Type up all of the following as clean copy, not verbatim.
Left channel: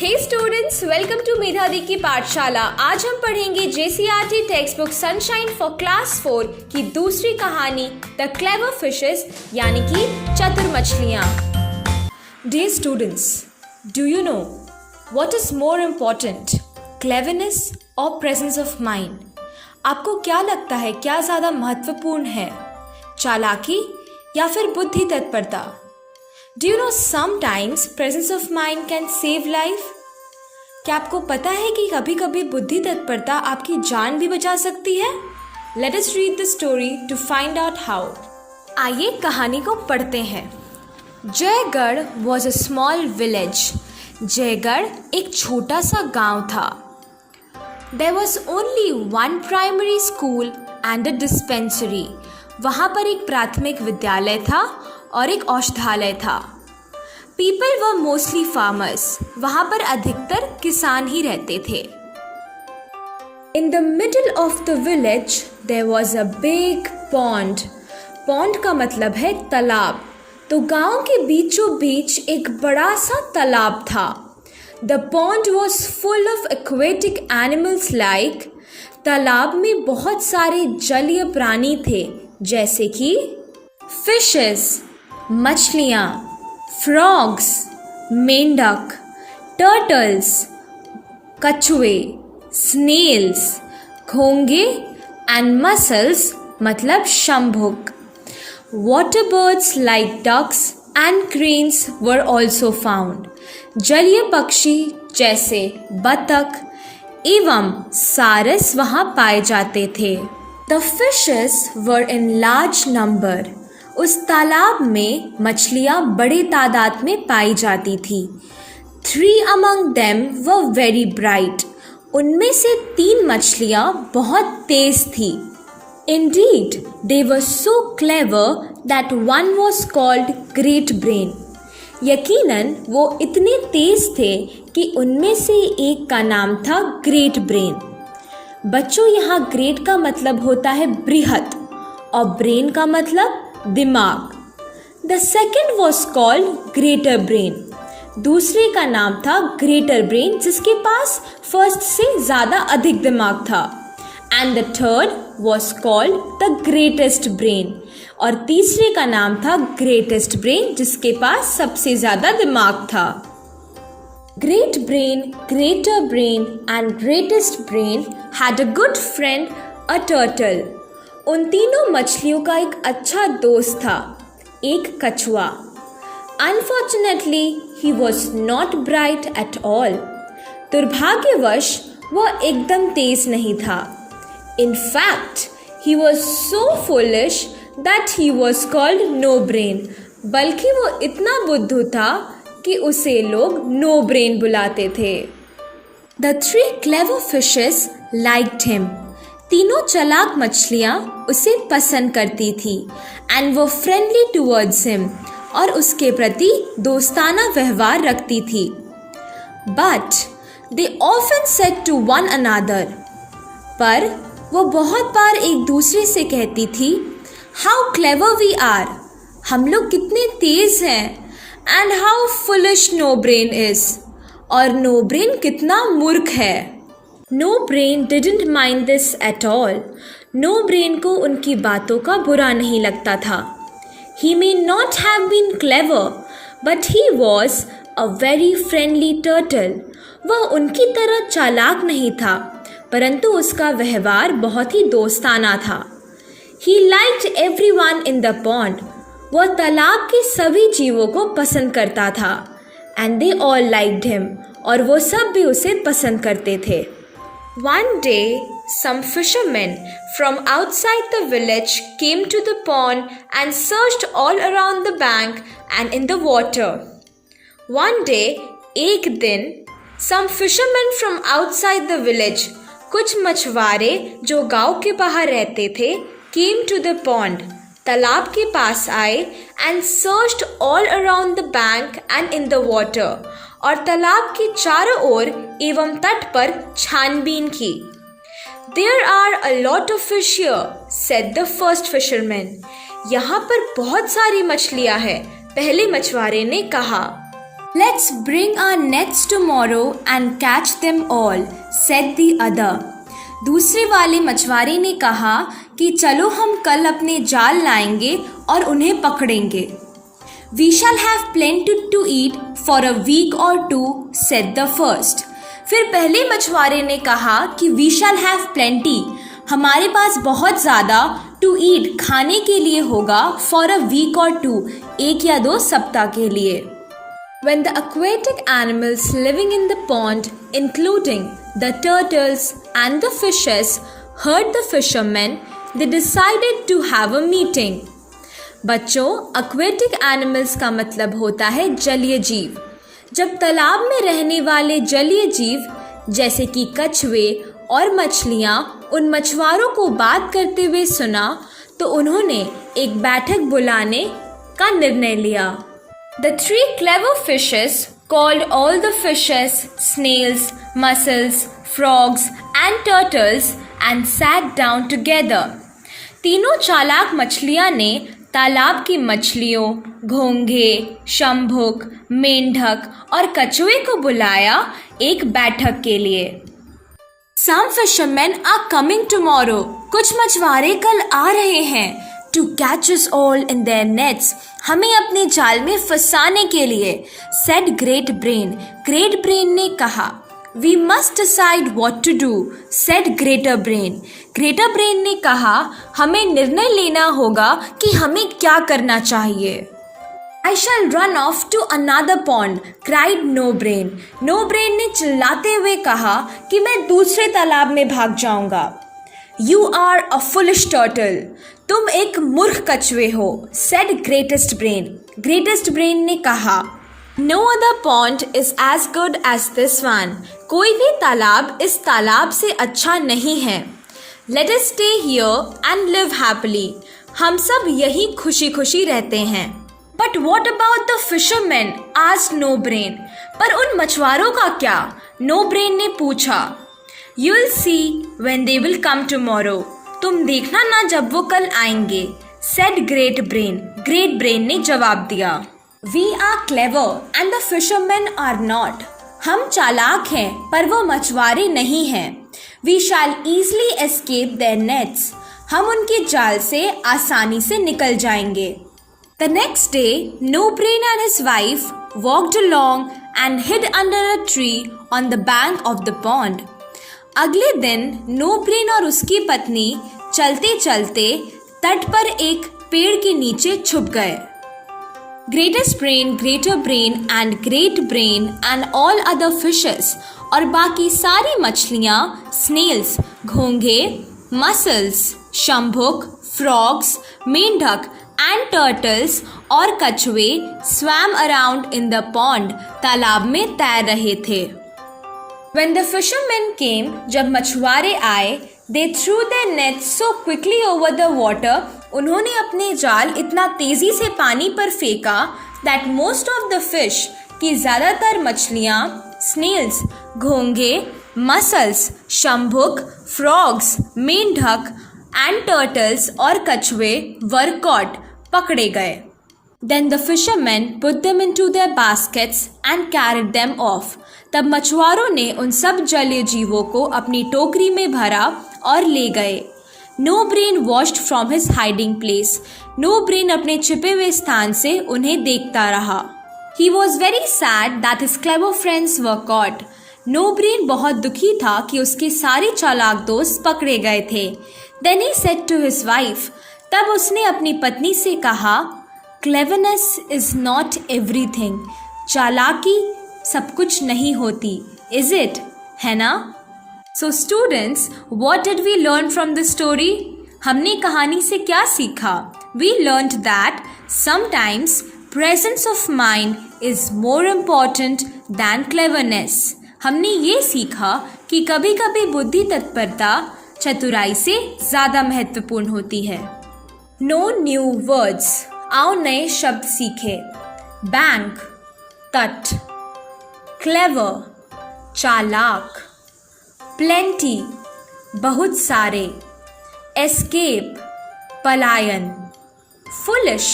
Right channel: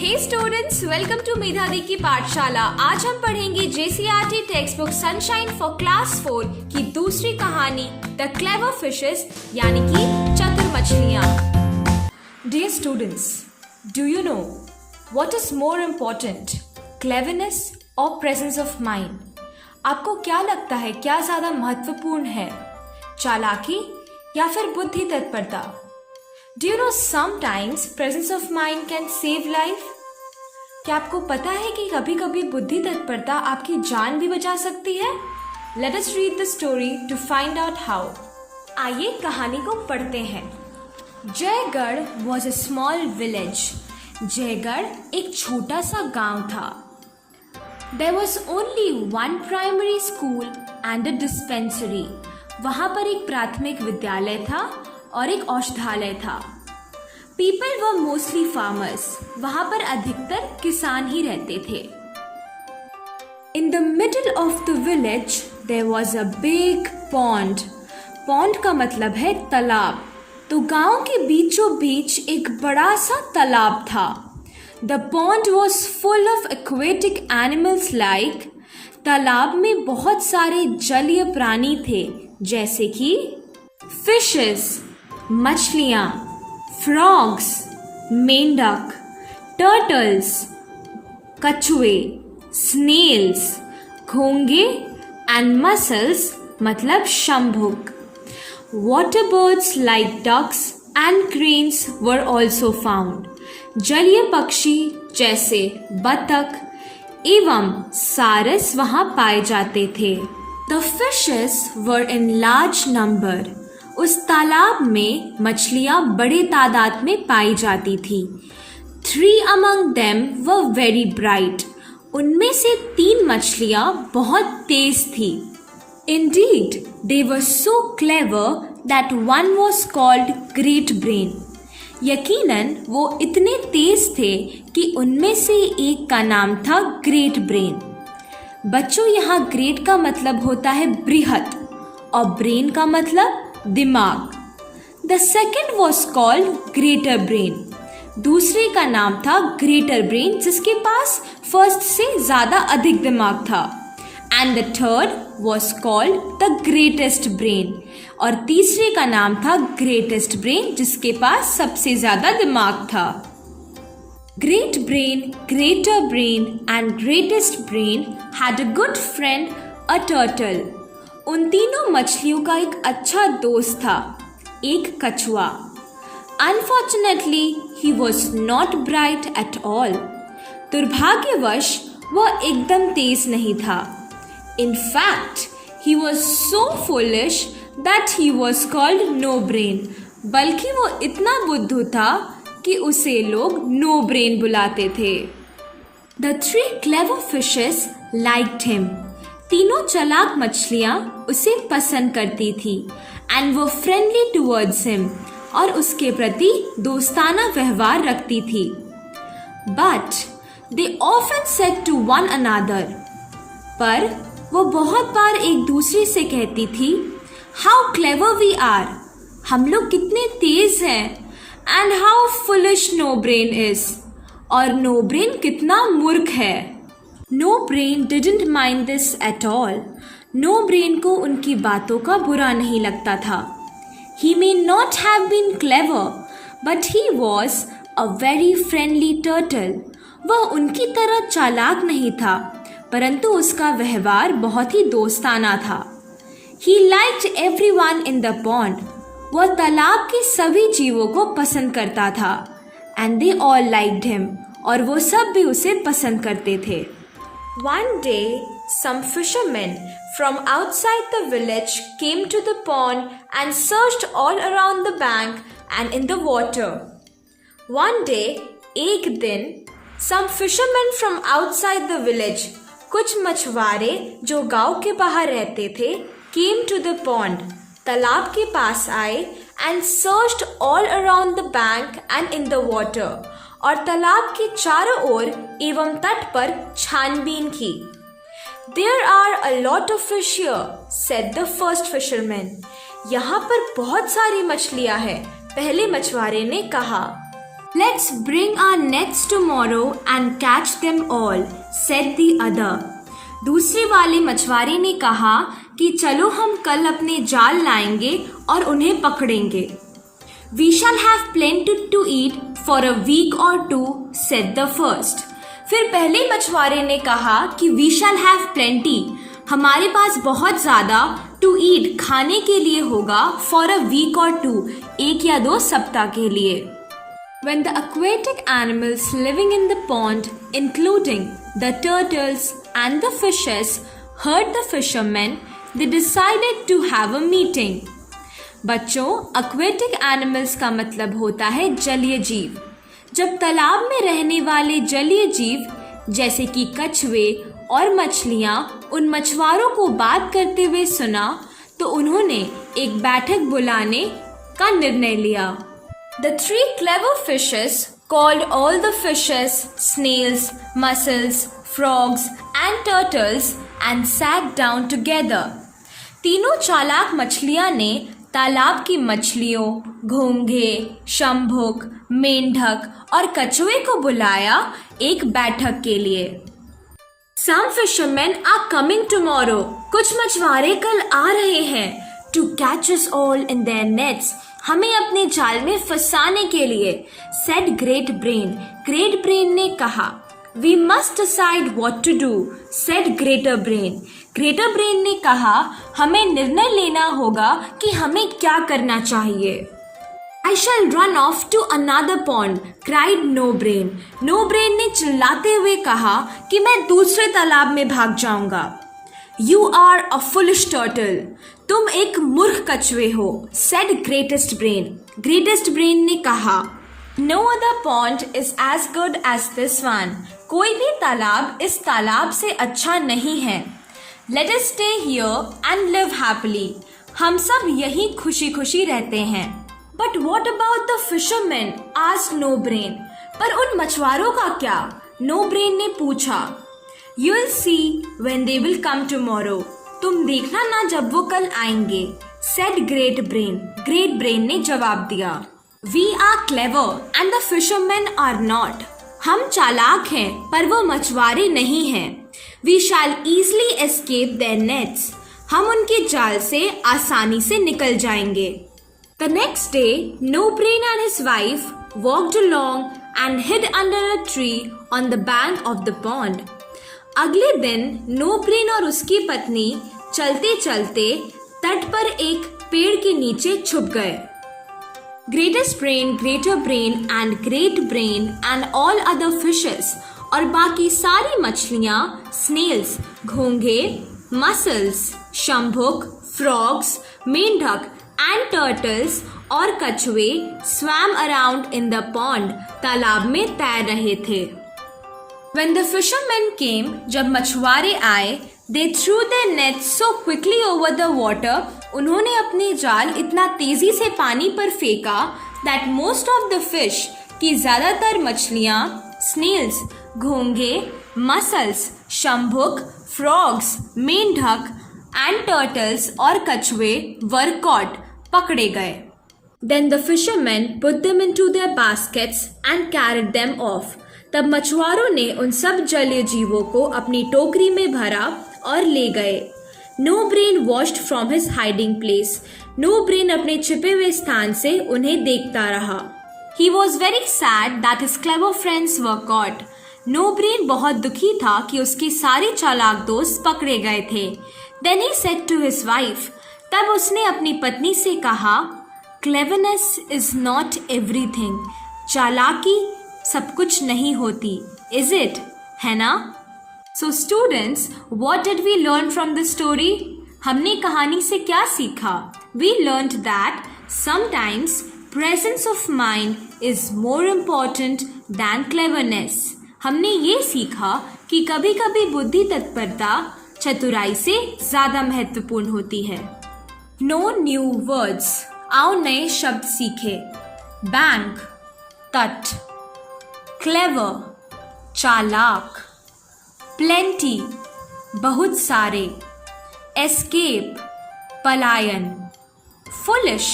Hey students, welcome to मेधा दी की पाठशाला। आज हम पढ़ेंगे JCRT text book sunshine for class 4 की दूसरी कहानी द क्लेवर फिशेस यानी कि चतुर मछलियाँ। Dear students, do you know what is more important, cleverness और प्रेजेंस ऑफ माइंड? आपको क्या लगता है, क्या ज़्यादा महत्वपूर्ण है, चालाकी या फिर बुद्धि तत्परता? Do you know sometimes presence of mind can save life? क्या आपको पता है कि कभी कभी बुद्धि तत्परता आपकी जान भी बचा सकती है? Let us read the story to find out how. आइए कहानी को पढ़ते हैं। Jaigarh was a small village. Jaigarh एक छोटा सा गांव था। There was only one primary school and a dispensary. वहाँ पर एक प्राथमिक विद्यालय था और एक औषधालय था। People were mostly farmers. वहाँ पर अधिकतर किसान ही रहते थे। In the middle of the village there was a big pond. Pond का मतलब है तालाब। तो गांव के बीचों बीच एक बड़ा सा तालाब था। The pond was full of aquatic animals like. तालाब में बहुत सारे जलीय प्राणी थे, जैसे कि fishes, मछलियाँ, frogs, मेंढक, turtles, कछुए, snails, घोंगे and mussels मतलब Shambhuk. Water birds like ducks and cranes were also found. जलीय पक्षी जैसे बतख एवं सारस वहाँ पाए जाते थे. The fishes were in large number. उस तालाब में मछलियाँ बड़े तादाद में पाई जाती थी. 3 among them were very bright. उनमें से 3 मछलियाँ बहुत तेज थी. Indeed, they were so clever that one was called Great Brain. यकीनन वो इतने तेज थे कि उनमें से एक का नाम था ग्रेट ब्रेन. बच्चों, यहाँ ग्रेट का मतलब होता है बृहत और ब्रेन का मतलब दिमाग. The second was called Greater Brain. दूसरे का नाम था ग्रेटर ब्रेन, जिसके पास फर्स्ट से ज्यादा अधिक दिमाग था. And the third was called the Greatest Brain. और तीसरे का नाम था ग्रेटेस्ट ब्रेन, जिसके पास सबसे ज्यादा दिमाग था. Great Brain, Greater Brain and Greatest Brain had a good friend, a turtle. उन तीनों मछलियों का एक अच्छा दोस्त था, एक कछुआ. Unfortunately, he was not bright at all. दुर्भाग्यवश वह एकदम तेज नहीं था. In fact, he was so foolish that he was called No Brain. बल्कि वो इतना बुद्धू था कि उसे लोग No Brain बुलाते थे. The 3 clever fishes liked him. तीनों चालाक मछलियाँ उसे पसंद करती थी and were friendly towards him. और उसके प्रति दोस्ताना व्यवहार रखती थी. But they often said to one another. पर वो बहुत बार एक दूसरे से कहती थी, How clever we are. हम लोग कितने तेज हैं. And how foolish No Brain is. और No Brain कितना मूर्ख है. No Brain didn't mind this at all. No Brain को उनकी बातों का बुरा नहीं लगता था. He may not have been clever, but he was a very friendly turtle. वह उनकी तरह चालाक नहीं था, परंतु उसका व्यवहार बहुत ही दोस्ताना था. He liked everyone in the pond. वह तालाब के सभी जीवों को पसंद करता था. And they all liked him. और वो सब भी उसे पसंद करते थे. One day, some fishermen from outside the village came to the pond and searched all around the bank and in the water. One day, एक दिन, some fishermen from outside the village, कुछ मछुआरे जो गांव के बाहर रहते थे, came to the pond, तालाब के पास आए and searched all around the bank and in the water. और तालाब के चारों ओर एवं तट पर छानबीन की. There are a lot of fish here, said the first fisherman. यहाँ पर बहुत सारी मछलियाँ हैं, पहले मछुआरे ने कहा. Let's bring our nets tomorrow and catch them all, said the other. दूसरे वाले मछुआरे ने कहा कि चलो हम कल अपने जाल लाएंगे और उन्हें पकड़ेंगे. We shall have plenty to eat for a week or two, said the first. फिर पहले मछुआरे ने कहा कि we shall have plenty, हमारे पास बहुत ज़्यादा, to eat खाने के लिए होगा, for a week or two, 1 या 2 सप्ताह के लिए. When the aquatic animals living in the pond, including the turtles and the fishes, heard the fishermen, they decided to have a meeting. बच्चों, aquatic animals का मतलब होता है जलीय जीव. जब तालाब में रहने वाले जलीय जीव जैसे कि कछुए और मछलियाँ उन मछुआरों को बात करते हुए सुना तो उन्होंने एक बैठक बुलाने का निर्णय लिया. The 3 clever fishes called all the fishes, snails, mussels, frogs and turtles and sat down together. तीनों चालाक मछलियाँ ने तालाब की मछलियों, घोंघे, शंभुक, मेंढक और कछुए को बुलाया एक बैठक के लिए. Some fishermen are coming tomorrow. कुछ मछुआरे कल आ रहे हैं. To catch us all in their nets. हमें अपने जाल में फंसाने के लिए. Said Great Brain. Great Brain ने कहा. We must decide what to do. Said Greater Brain. Greater Brain ने कहा हमें निर्णय लेना होगा कि हमें क्या करना चाहिए. I shall run off to another pond, cried No Brain. No Brain ने चिल्लाते हुए कहा कि मैं दूसरे तालाब में भाग जाऊंगा. You are a foolish turtle. तुम एक मूर्ख कछुए हो, said Greatest Brain. Greatest Brain ने कहा No other pond is as good as this one. कोई भी तालाब इस तालाब से अच्छा नहीं है. Let us stay here and live happily. हम सब यहीं खुशी खुशी रहते हैं. But what about the fishermen? asked No Brain. पर उन मछुआरों का क्या? No Brain ने पूछा. You'll see when they will come tomorrow. तुम देखना ना जब वो कल आएंगे, said Great Brain. Great Brain ने जवाब दिया. We are clever and the fishermen are not. हम चालाक हैं पर वो मछुआरे नहीं हैं. We shall easily escape their nets. हम उनके जाल से आसानी से निकल जाएंगे. The next day, No Brain and his wife walked along and hid under a tree on the bank of the pond. अगले दिन नो ब्रेन और उसकी पत्नी चलते चलते तट पर एक पेड़ के नीचे छुप गए. Greatest brain, greater brain and great brain and all other fishes और बाकी सारी मछलियाँ, स्नेल्स, घोंघे, मसल्स, शंभुक, फ्रॉग्स, मेंढक एंड टर्टल्स और कछुए swum around in the pond, तालाब में तैर रहे थे. When the fishermen came, जब मछुआरे आए, they threw their nets so quickly over the water, उन्होंने अपने जाल इतना तेजी से पानी पर फेंका that most of the fish, कि ज़्यादातर मछलियाँ, snails, घोंघे, mussels, शंभुक, frogs, मेंढक and turtles और कछुए were caught, पकड़े गए. Then the fishermen put them into their baskets and carried them off. तब मछुआरों ने उन सब जलीय जीवों को अपनी टोकरी में भरा और ले गए. No Brain watched from his hiding place. No Brain अपने छिपे हुए स्थान से उन्हें देखता रहा. He was very sad that his clever friends were caught. No Brain बहुत दुखी था कि उसके सारे चालाक दोस्त पकड़े गए थे. Then he said to his wife. तब उसने अपनी पत्नी से कहा, क्लेवरनेस इज नॉट एवरीथिंग. चालाकी सब कुछ नहीं होती, इज इट, है ना? So students, what did we learn from the story? हमने कहानी से क्या सीखा? We learned that sometimes presence of mind is more important than cleverness. हमने ये सीखा कि कभी कभी बुद्धि तत्परता चतुराई से ज़्यादा महत्वपूर्ण होती है. Know new words. आओ नए शब्द सीखे. बैंक, तट. क्लेवर, चालाक. प्लेंटी, बहुत सारे. एस्केप, पलायन. फुलिश,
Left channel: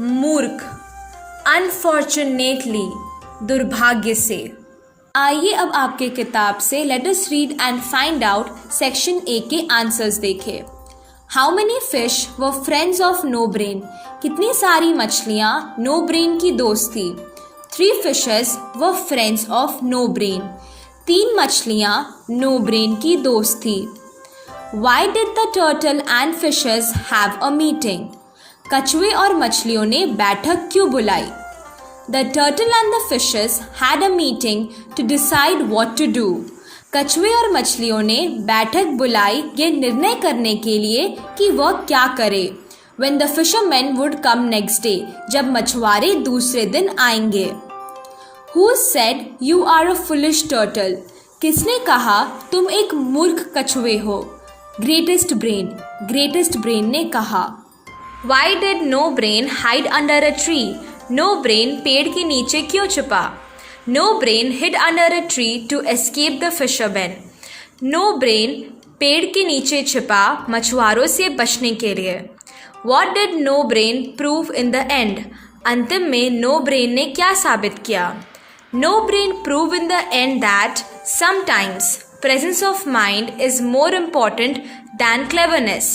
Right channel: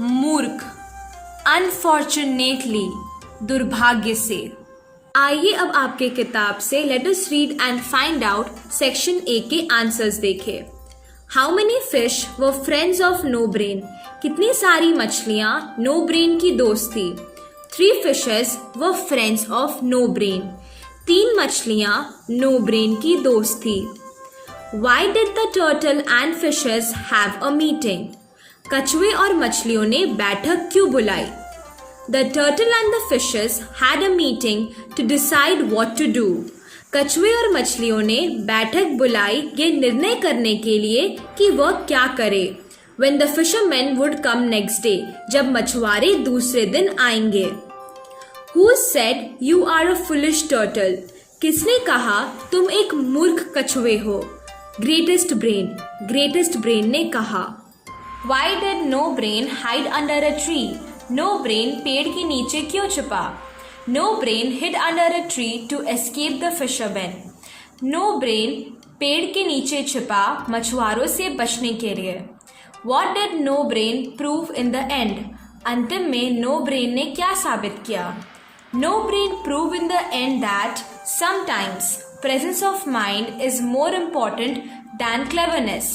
मूर्ख. अनफॉर्चुनेटली, दुर्भाग्य से। आइए अब आपके किताब से let us read and find out section A के आंसर्स देखें। How many fish were friends of No Brain? कितनी सारी मछलियाँ नो ब्रेन की दोस्त थी? 3 fishes were friends of No Brain. 3 मछलियाँ नो ब्रेन की दोस्त थी। Why did the turtle and fishes have a meeting? कछुए और मछलियों ने बैठक क्यों बुलाई? The turtle and the fishes had a meeting to decide what to do. कछुए और मछलियों ने बैठक बुलाई ये निर्णय करने के लिए कि वह क्या करे। When the fishermen would come next day, जब मछुआरे दूसरे दिन आएंगे। Who said you are a foolish turtle? किसने कहा तुम एक मूर्ख कछुए हो? ग्रेटेस्ट ब्रेन ने कहा। Why did no brain hide under a tree? No brain पेड़ के नीचे क्यों छुपा? No brain hid under a tree to escape the fishermen. No brain पेड़ के नीचे छिपा मछुआरों से बचने के लिए। What did no brain prove in the end? अंतिम में no brain ने क्या साबित किया? No brain proved in the end that sometimes presence of mind is more important than cleverness.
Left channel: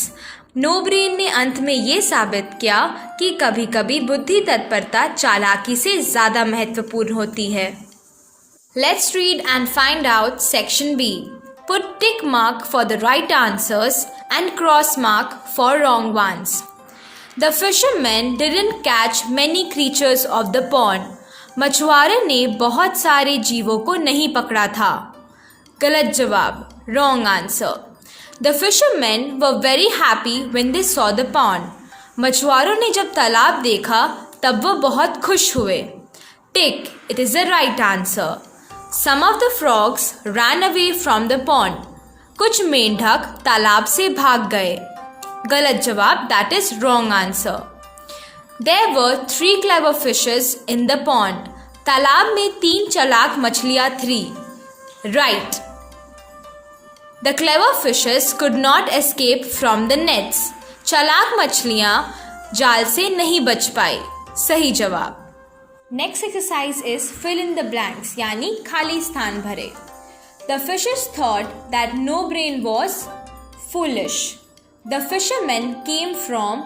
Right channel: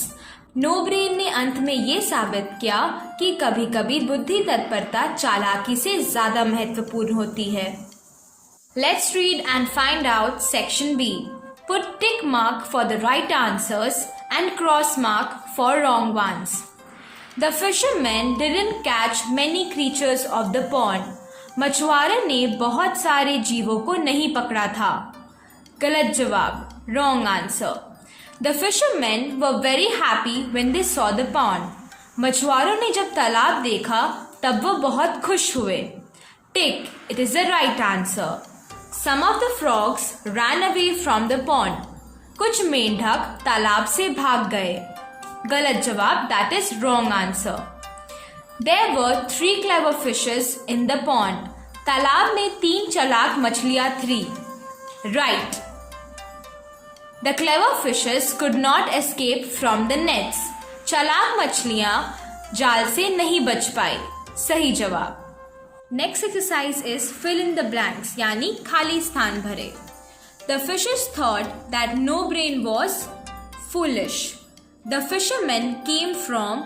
No brain ने अंत में ये साबित किया कि कभी कभी बुद्धि तत्परता चालाकी से ज़्यादा महत्वपूर्ण होती है। Let's read and find out section B. Put tick mark for the right answers and cross mark for wrong ones. The fishermen didn't catch many creatures of the pond. मछुआरे ने बहुत सारे जीवों को नहीं पकड़ा था। गलत जवाब, wrong answer. The fishermen were very happy when they saw the pond. मछुआरों ने जब तालाब देखा तब वो बहुत खुश हुए। Tick, it is the right answer. Some of the frogs ran away from the pond. कुछ मेंढक तालाब से भाग गए। गलत जवाब, that is wrong answer. There were 3 clever fishes in the pond. तालाब में 3 चालाक मछलियाँ थी। Right. The clever fishes could not escape from the nets. चालाक मछलियाँ जाल से नहीं बच पाई। सही जवाब। Next exercise is fill in the blanks यानी खाली स्थान भरे। The fishes thought that no brain was foolish. The fishermen came from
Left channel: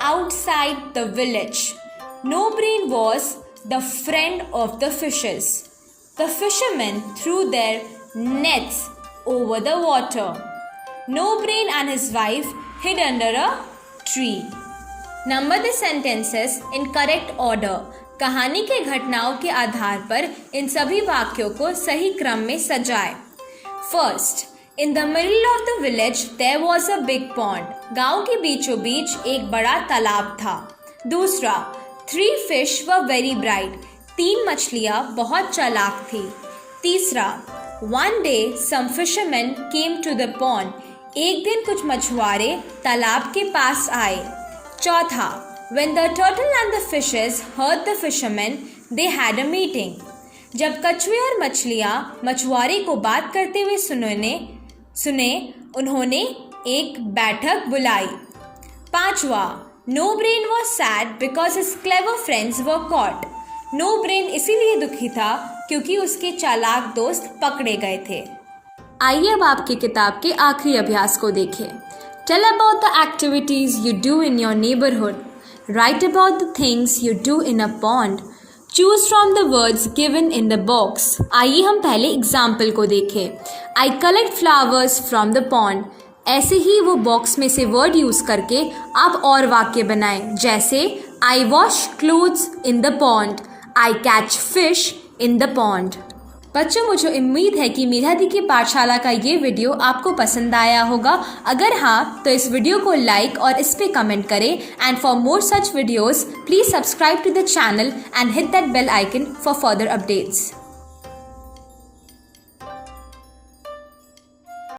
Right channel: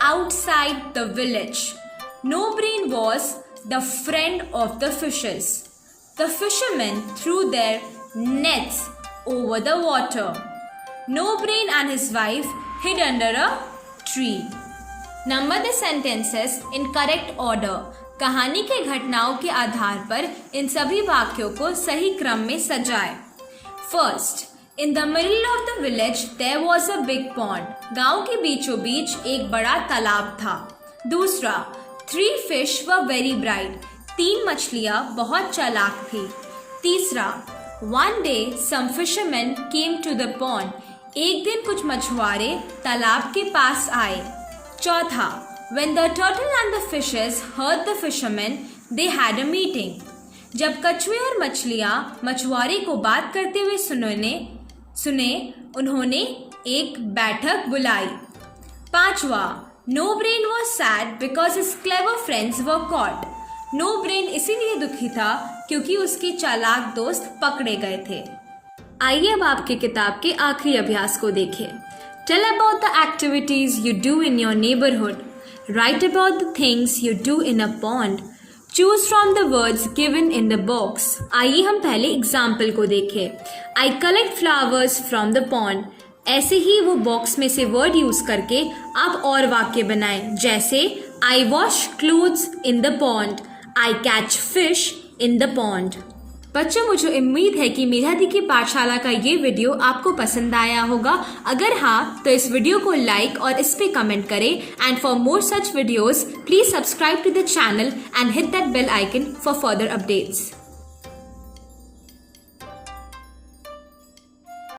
outside the village. No brain was the friend of the fishes. The fishermen threw their nets over the water. No brain and his wife hid under a tree. Number the sentences in correct order. कहानी के घटनाओं के आधार पर इन सभी वाक्यों को सही क्रम में सजाएं। First, in the middle of the village there was a big pond. गांव के बीचों बीच एक बड़ा तालाब था। दूसरा, 3 fish were very bright. 3 मछलियाँ बहुत चालाक थी। तीसरा, One day some fishermen came to the pond. एक दिन कुछ मछुआरे तालाब के पास आए। चौथा, when the turtle and the fishes heard the fishermen, they had a meeting. जब कछुए और मछलियाँ मछुआरे को बात करते हुए सुने उन्होंने एक बैठक बुलाई। पांचवा, no brain was sad because his clever friends were caught. No brain इसीलिए दुखी था क्योंकि उसके चालाक दोस्त पकड़े गए थे। आइए अब आपकी किताब के आखिरी अभ्यास को देखें। Tell about the activities you do in your neighborhood. Write about the things you do in a pond. Choose from the words given in the box. आइए हम पहले एग्जाम्पल को देखें। I collect flowers from the pond. ऐसे ही वो box में से word use करके आप और वाक्य बनाएं, जैसे I wash clothes in the pond. I catch fish in the pond. बच्चों, मुझे उम्मीद है कि मेधा दी की पाठशाला का ये वीडियो आपको पसंद आया होगा। अगर हाँ तो इस वीडियो को लाइक और इस पे कमेंट करें। And for more such videos please subscribe to the channel and hit that bell icon for further updates.